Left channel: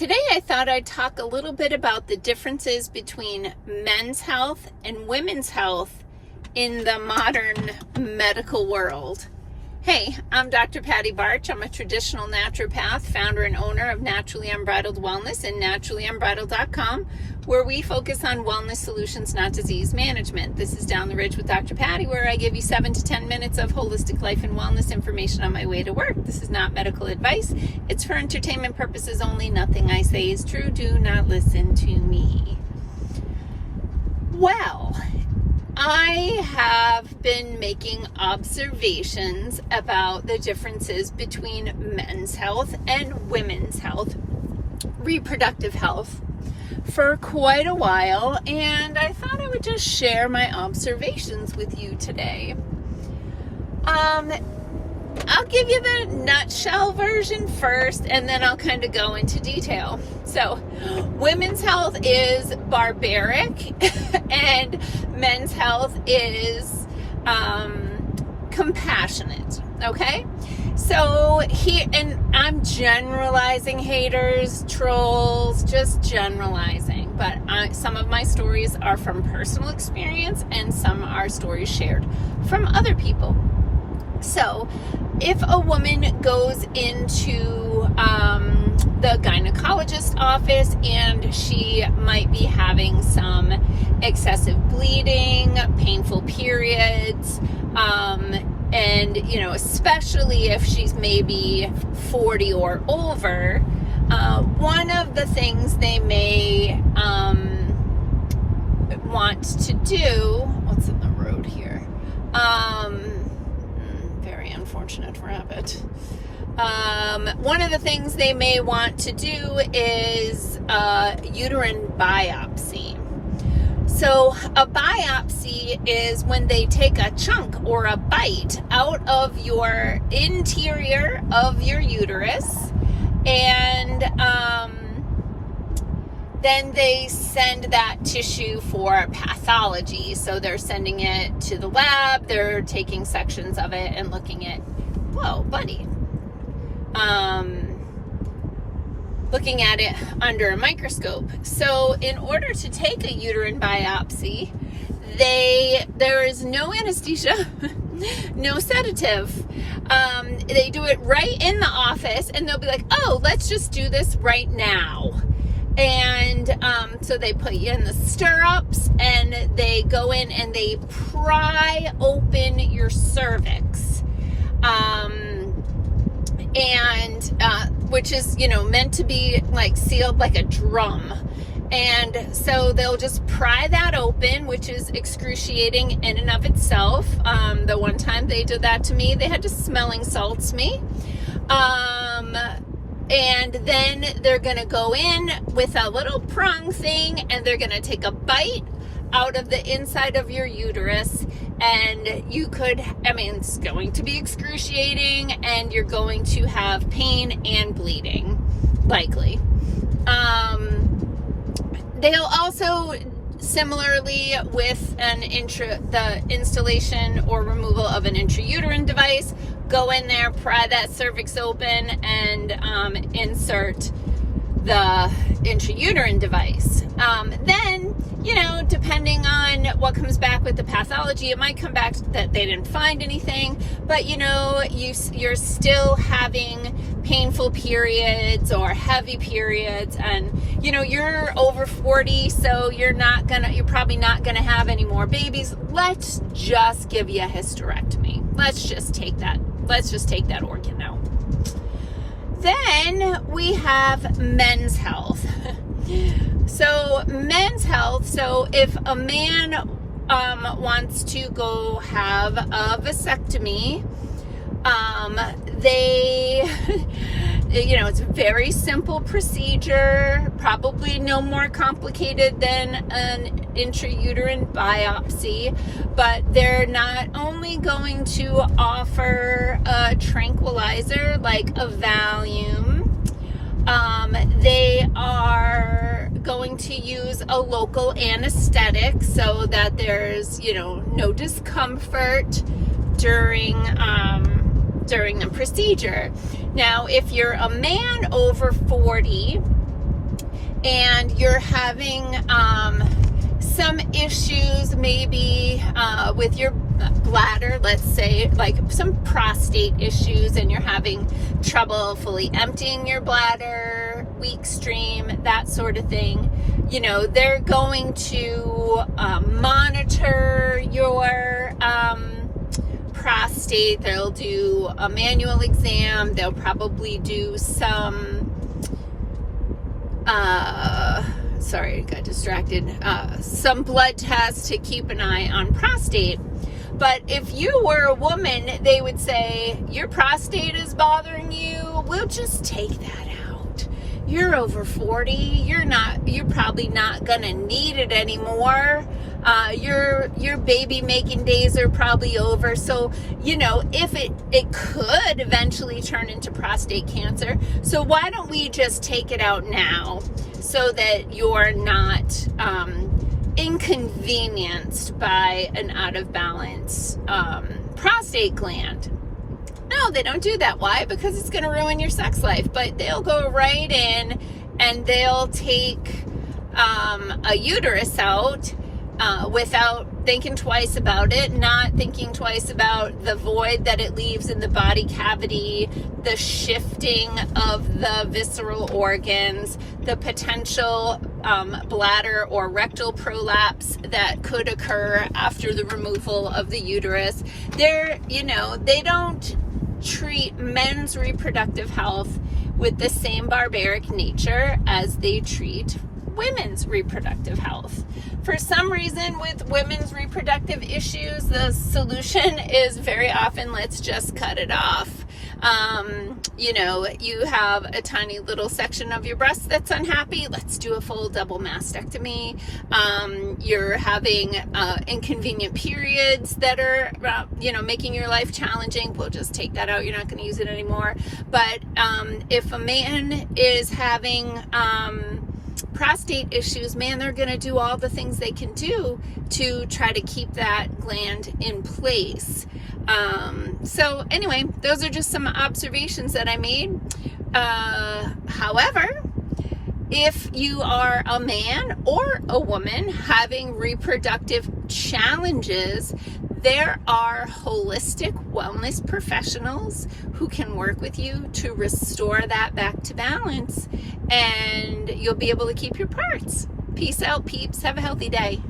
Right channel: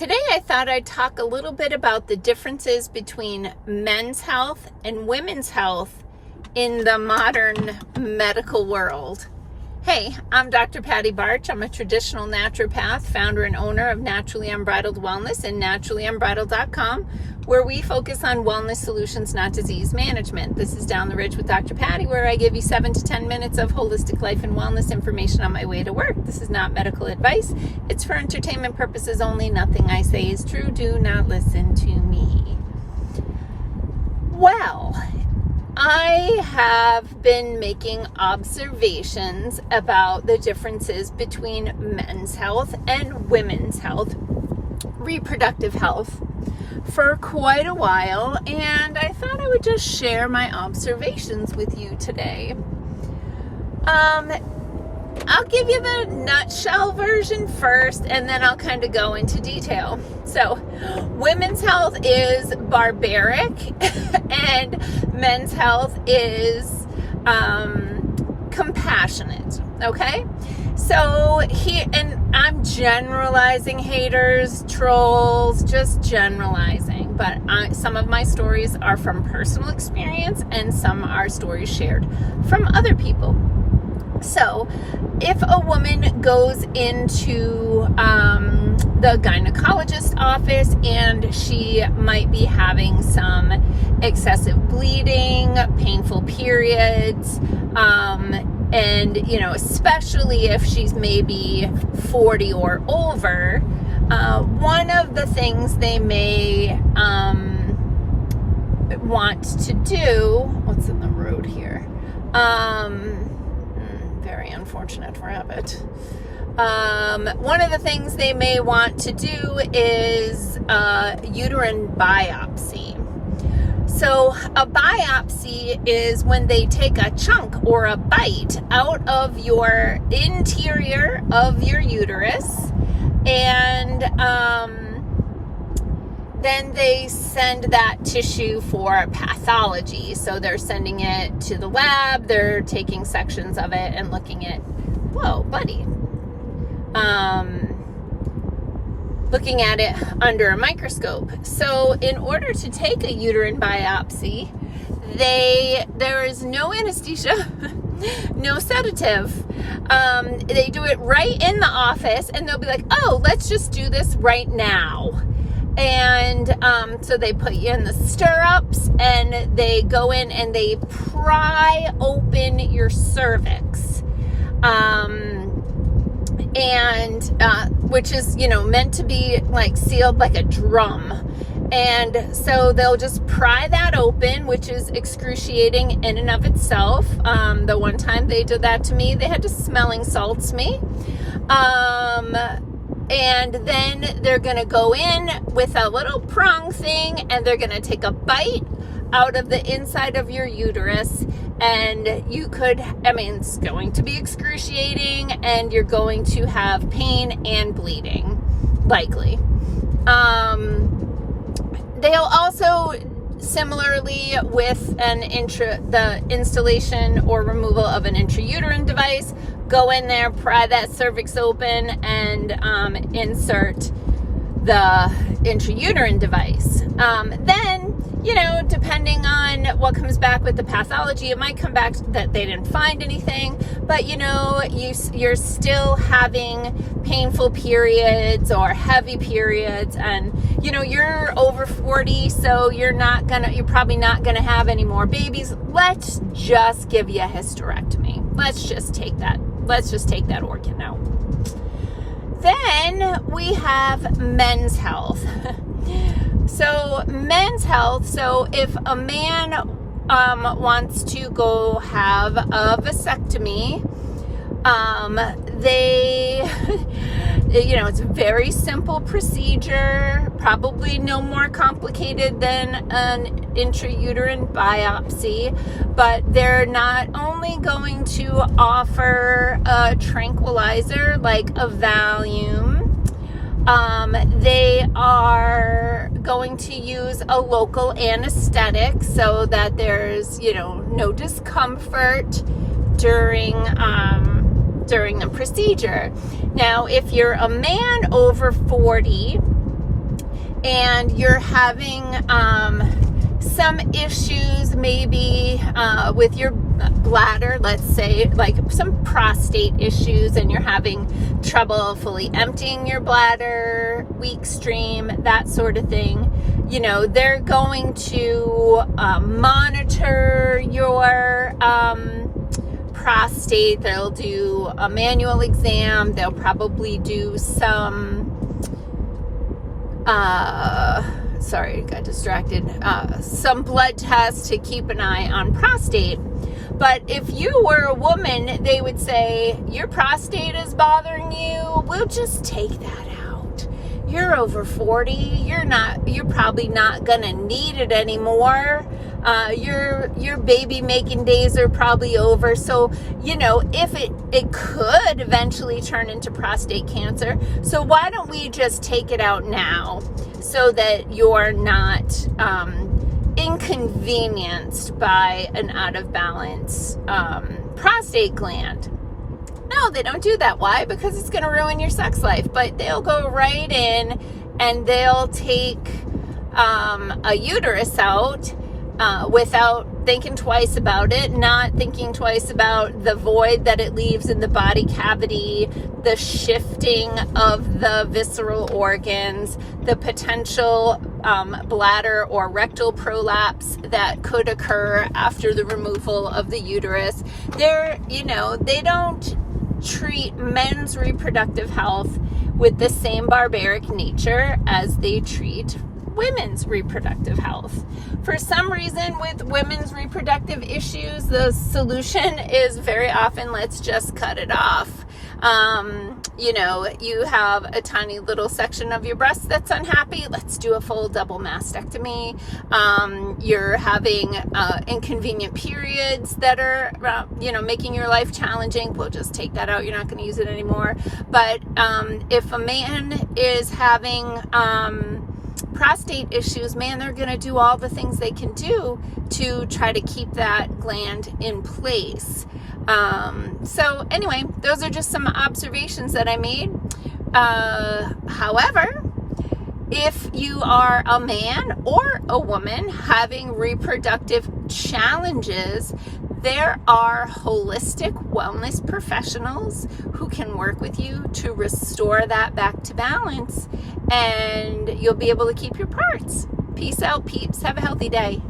Today I thought I'd talk a little bit about the differences between men's health and women's health in the modern medical world. Hey, I'm Dr. Patty Barch. I'm a traditional naturopath, founder and owner of Naturally Unbridled Wellness and naturallyunbridled.com, where we focus on wellness solutions, not disease management. This is Down the Ridge with Dr. Patty, where I give you 7 to 10 minutes of holistic life and wellness information on my way to work. This is not medical advice. It's for entertainment purposes only. Nothing I say is true. Do not listen to me. Well, I have been making observations about the differences between men's health and women's health, reproductive health, for quite a while, and I thought I would just share my observations with you today. I'll give you the nutshell version first, and then I'll kind of go into detail. So, women's health is barbaric, and men's health is compassionate, okay? So here, and I'm generalizing, haters, trolls, just generalizing, but some of my stories are from personal experience and some are stories shared from other people. So if a woman goes into the gynecologist office and she might be having some excessive bleeding, painful periods, and, especially if she's maybe 40 or over, one of the things they may want to do, what's in the road here? Very unfortunate rabbit. One of the things they may want to do is uterine biopsy. So a biopsy is when they take a chunk or a bite out of your interior of your uterus, and then they send that tissue for pathology. So they're sending it to the lab, they're taking sections of it and looking at, whoa, buddy. Looking at it under a microscope. So in order to take a uterine biopsy, there is no anesthesia, no sedative. They do it right in the office, and they'll be like, oh, let's just do this right now. And so they put you in the stirrups, and they go in and they pry open your cervix. Which is, meant to be like sealed like a drum. And so they'll just pry that open, which is excruciating in and of itself. The one time they did that to me, they had to smelling salts me. And then they're going to go in with a little prong thing, and they're going to take a bite out of the inside of your uterus. And it's going to be excruciating, and you're going to have pain and bleeding, likely. They'll also, similarly with the installation or removal of an intrauterine device, go in there, pry that cervix open, and insert the intrauterine device. Then, depending on what comes back with the pathology, it might come back that they didn't find anything, but you're still having painful periods or heavy periods, and you're over 40, so you're probably not gonna have any more babies. Let's just give you a hysterectomy. Let's just take that organ out. Then we have men's health. So men's health, so if a man wants to go have a vasectomy, it's a very simple procedure, probably no more complicated than an intrauterine biopsy, but they're not only going to offer a tranquilizer like a Valium, they are going to use a local anesthetic so that there's, no discomfort during the procedure. Now, if you're a man over 40, and you're having some issues maybe with your bladder, let's say like some prostate issues, and you're having trouble fully emptying your bladder, weak stream, that sort of thing, they're going to monitor your prostate. They'll do a manual exam. They'll probably do some sorry, got distracted, some blood tests to keep an eye on prostate. But if you were a woman, they would say, your prostate is bothering you, we'll just take that out. You're over 40, you're probably not gonna need it anymore. Your baby making days are probably over. So, if it could eventually turn into prostate cancer. So why don't we just take it out now so that you're not inconvenienced by an out of balance prostate gland? No, they don't do that. Why? Because it's going to ruin your sex life. But they'll go right in and they'll take a uterus out without thinking twice about it, not thinking twice about the void that it leaves in the body cavity, the shifting of the visceral organs, the potential bladder or rectal prolapse that could occur after the removal of the uterus. They don't treat men's reproductive health with the same barbaric nature as they treat women's reproductive health. For some reason, with women's reproductive issues, the solution is very often, let's just cut it off. You have a tiny little section of your breast that's unhappy, let's do a full double mastectomy. You're having inconvenient periods that are, making your life challenging, we'll just take that out, you're not going to use it anymore. But if a man is having prostate issues, they're going to do all the things they can do to try to keep that gland in place. So anyway, those are just some observations that I made. However, if you are a man or a woman having reproductive challenges, there are holistic wellness professionals who can work with you to restore that back to balance, and you'll be able to keep your parts. Peace out, peeps. Have a healthy day.